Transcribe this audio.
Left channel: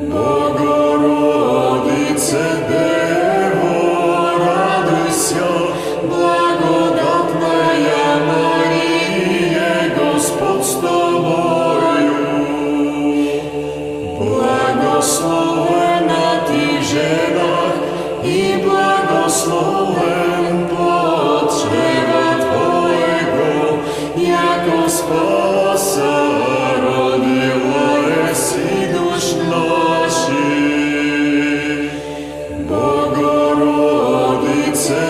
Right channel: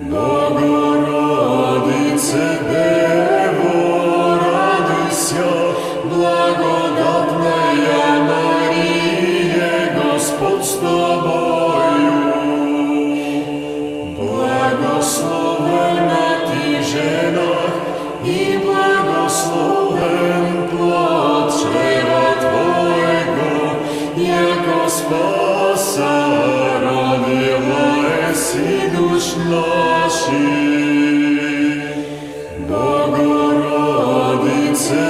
Богородице, Дево, радуйся, благодатная Мария, Господь с тобою. Благословена ты в женах, и благословен плод чрева Твоего, яко спаса родила еси душ наших. Богородице,